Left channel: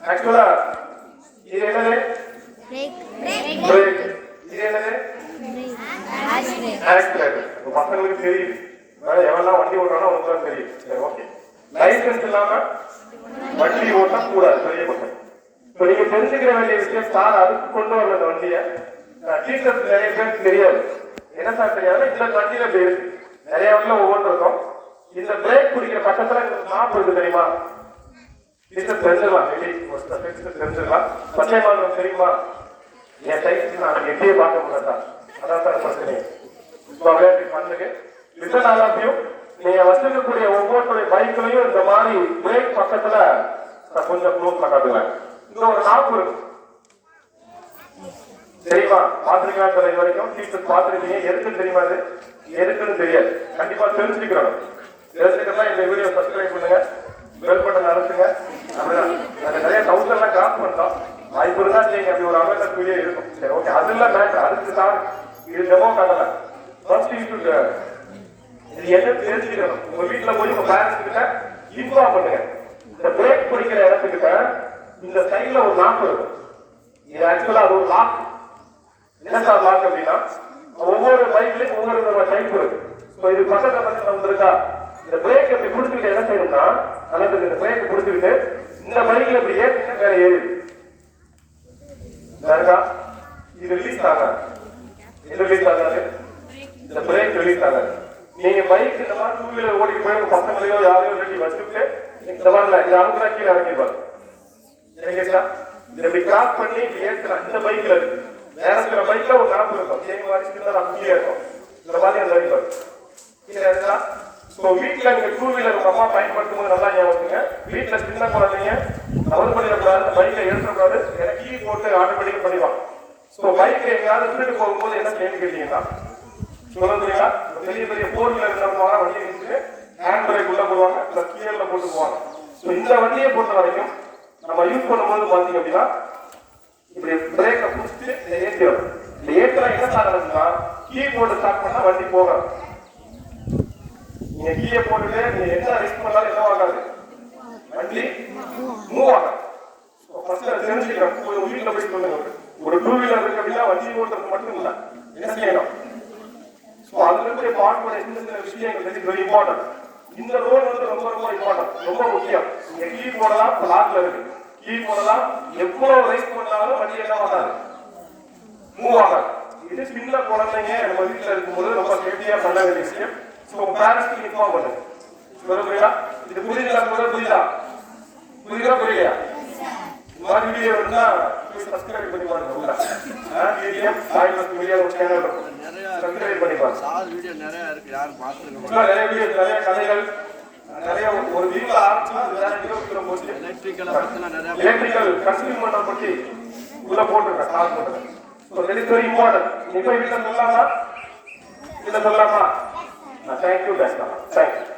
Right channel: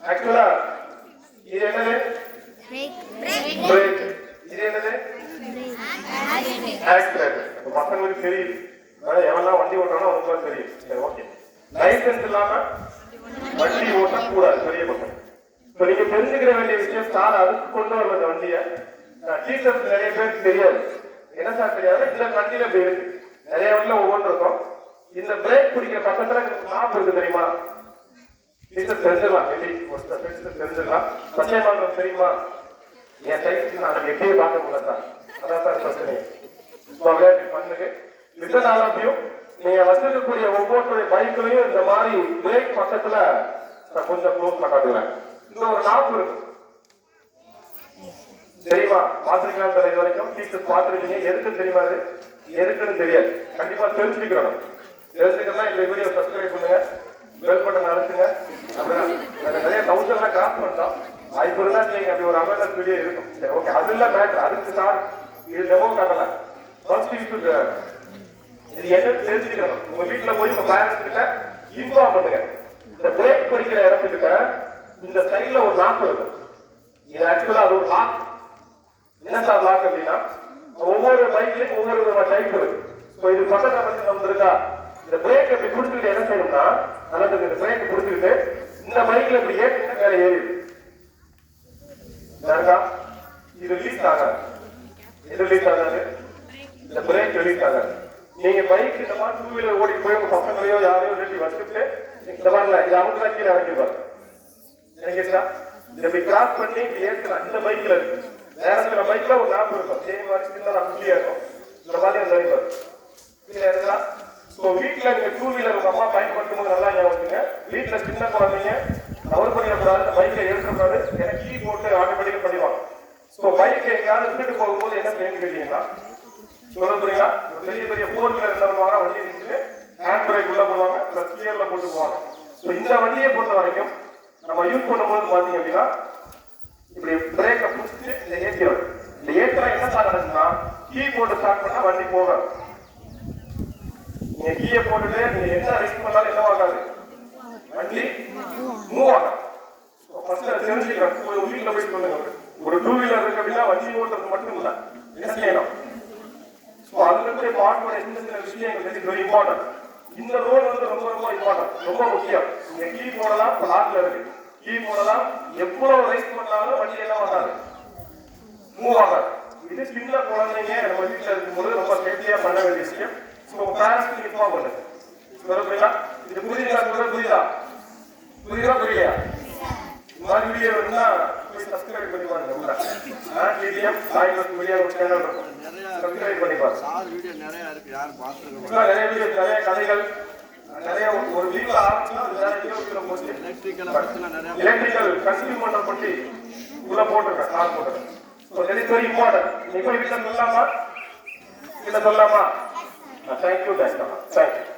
ஆக்சுவலா இது என்னது? பிரேக். இது என்னது? ஆக்சிலேட்டர். பசங்களுக்கு தெரியும். எவெல்லாம் வண்டி ஓட்டுறானோ அவங்களுக்கு தெரியும். சரி, ஓகே. லைசன்ஸ் இல்லாம வண்டி ஓட்ட கூடாது, பெரிய பசங்க. இப்ப நீங்க தெரிஞ்சுக்கிற வேண்டிய விஷயம் சார் அதுக்கு கொண்டு வர வண்டியை டீச்சர்ஸ் நிறைய பேருக்கு தெரியாது. என்ன சார் தெரியாது? இந்த வண்டியில இப்படி இருக்கு, நிறைய வண்டியில ஒவ்வொன்று இருக்கும். இந்த பிரேக் பிடிக்கிற பக்கத்துல மாப்பு இருக்கு தெரியுமா? டீச்சர் தெரிஞ்சிடலாம், தெரிஞ்சிடலாம். பச்சை மாநிலம் தெரியுமா? என் டைப் நான் எப்படியே பார்க்க முடியாது சார், அதான் சார் பிரச்சனை. பண்ணுங்க லிசன் ஆல் ஆஃப் யூ. நீங்க வச்சிருக்கக்கூடிய ஒவ்வொரு பைக்லயும் இந்த மாதிரி பிரேக் பக்கத்துல கொஞ்சம் க்ளோஸ்ல காட்டுங்க. இந்த ஒரு நாப்பு இருக்கு தெரியுமா? பாத்துருக்கீங்களா சார்? இது வரைக்கும் டீச்சர்ஸ் பாத்துருக்கீங்க. எதுக்குன்னு தெரியுமா? இது எதுக்குன்னு தெரியாது. கண்டிப்பா தெரிஞ்சுக்கிறோம். தெரிஞ்சுக்கிறதா இந்த வீடியோ சப்ஸ்கிரைப் பண்ணுங்க, பெல் பட்டன் அழுத்துங்க. நிறைய டவுட் எல்லாம் கிராஸ் பண்ணலாம். வாய்ப்பு இருந்தா நீங்க அப்படி ஒரு அவேர்னஸ் வீடியோ இருக்கும். சரி, ஓகே. அது இல்ல மேட்டர். அதுக்கு தான் இது டெமோ காட்டல. ஃபர்ஸ்ட் இது என்ன தெரிஞ்சுக்கணும். உங்க வீட்டுல போய் உங்க பேரண்ட்ஸ் கிட்ட இன்ஃபார்ம் பண்ணுங்க. இந்த பிரேக் பிடிக்கிற இடத்துக்கிட்ட இந்த சைட்ல ஒரு லாக் இருக்கும். இது ஆக்சுவலா அது ஒரு லாக். என்ன சார் லாக் அப்படின்னா, ஒவ்வொரு பைக்லயும் ஒவ்வொரு டைப் இருக்கு. இது பக்கத்துல வந்திருக்கா, இந்த பிரேக் எப்படி கொடுத்துக்கிட்டு என்ன செய்யணும்னா, அல்லது இந்த பிரேக் கொடுத்துக்கிட்டு இந்த பைக்ல இப்படி ஏற்று வேற ஏறி இது ரிலீஸ் ஆகாது. இது ரிலீஸ் ஆகாது, இந்த பிரேக் ரிலீஸ் ஆகாது. நீங்க பைக் இதெல்லாம் டூ வீலர் ஓடி போய் பசங்களையோ யாரையோ ரெடி வச்சுட்டு இந்த மாதிரி இது அவங்க கீழே இறங்கிடுவாங்க. இப்படி கிராஸ் பண்ணி ஏற்கலாம். இந்த பைக்ல இருக்கு, வேற சில பைக்ல ஒரு லாப் இருக்கும், அப்படியே இருக்கும். இந்த மாதிரி அந்த அறிவார் கீழே. ஸோ வீட்டுல நீங்க டூ வீலர் உங்க அம்மா பயன்படுத்தும் போது நல்லா ஞாபகத்துங்க. வீட்டுல சின்ன குழந்தைங்க தவறு பண்ணிடக்கூடாது, பைக்ல எடுத்துக்கூடாது. எனக்கு கீ போட்டு ஆட்டோமேட்டிக் பண்ணிடுவாங்க. ஸோ பைக்ல எங்கேயாவது திருட்டு போகும்போது என்ன செய்யணும் கேட்டீங்கன்னா, சொல்லுறீங்களா, பெரிய பெரிய 4 வீலர் தரமான வண்டியை வச்சுட்டு ஹேண்ட் பிரேக் உள்ள போவாங்க, பிளஸ் கியர்ல போட்டு போவாங்க. ஸோ இந்த வண்டியை பொறுத்த வரைக்கும் நம்ம யூஸ் பண்ணும்போது பாத்தீங்க அப்படின்னா இப்படி பிரேக்கை பிடிச்சிட்டு இதை ஏற்றிடும். இந்த ஏற்றா என்ன சார்னா, கீ போட்டு ஸ்டார்ட் பண்ணா வண்டி போகாது. நீங்க கீயை போட்டுட்டு நீங்க என்ன ரிஸ்க் பண்ணாலும் என்ன ஆகாது, வண்டி மூவ் ஆகாது. தெரிஞ்சுக்கிறேன். வீட்டுல போய் சொல்லுங்க, ஒரு டூ வீலர் இருக்கு அப்படின்னா வண்டி ஓட்டுறது மட்டும் இல்ல, என்ன செய்யணும். அதுல பார்க்க சின்ன விஷயம் வெரி இம்பார்ட்டன்ட். இந்த ரோடு வந்து ரொம்ப ரொம்ப இம்பார்ட்டன்ட், ரொம்ப முக்கியம். இந்த கீ போடலாம், லாக்ல இருக்கு, கீ போடலாம். எவ்வளவு ரைஸ் பண்ணாலும் வண்டி என்ன ஆகாது, மூவ் ஆகாது. இது சின்ன குழந்தைங்க நம்ம வீட்டுல இருக்கும்போது ரொம்ப சேஃப்டியா பண்ண வேண்டிய விஷயம். ஸோ பேரண்ட்ஸ்க்கு இன்ஃபார்ம் பண்ணுங்க. புரியுதா? இது புரியுதா? புரியுதா? புரியுதா? புரியா? இந்த மாதிரி வீடியோ இருந்தா போய் சப்ஸ்கிரைப் பண்ணி பாருங்க. வீடியோ சேனல் இருக்கும், சப்ஸ்கிரைப் பண்ணி பாருங்க. சார் வீடியோ நிறைய இருக்கு, யாரும் பார்த்துருங்க. நிறைய வீடியோ, நிறைய கதைகள், நிறைய ஒரு வீடியோ ஆரம்பிச்சா எலக்ட்ரிக்கல் கன்சியூமர் பத்தி உள்ள போட்டுருக்கேன், சார் போட்டுருக்கேன். So very very important. நீங்க வீட்டில் சொல்லலாமா? வீட்டில் சொல்லலாமா? Thank you, Dr. Thank you.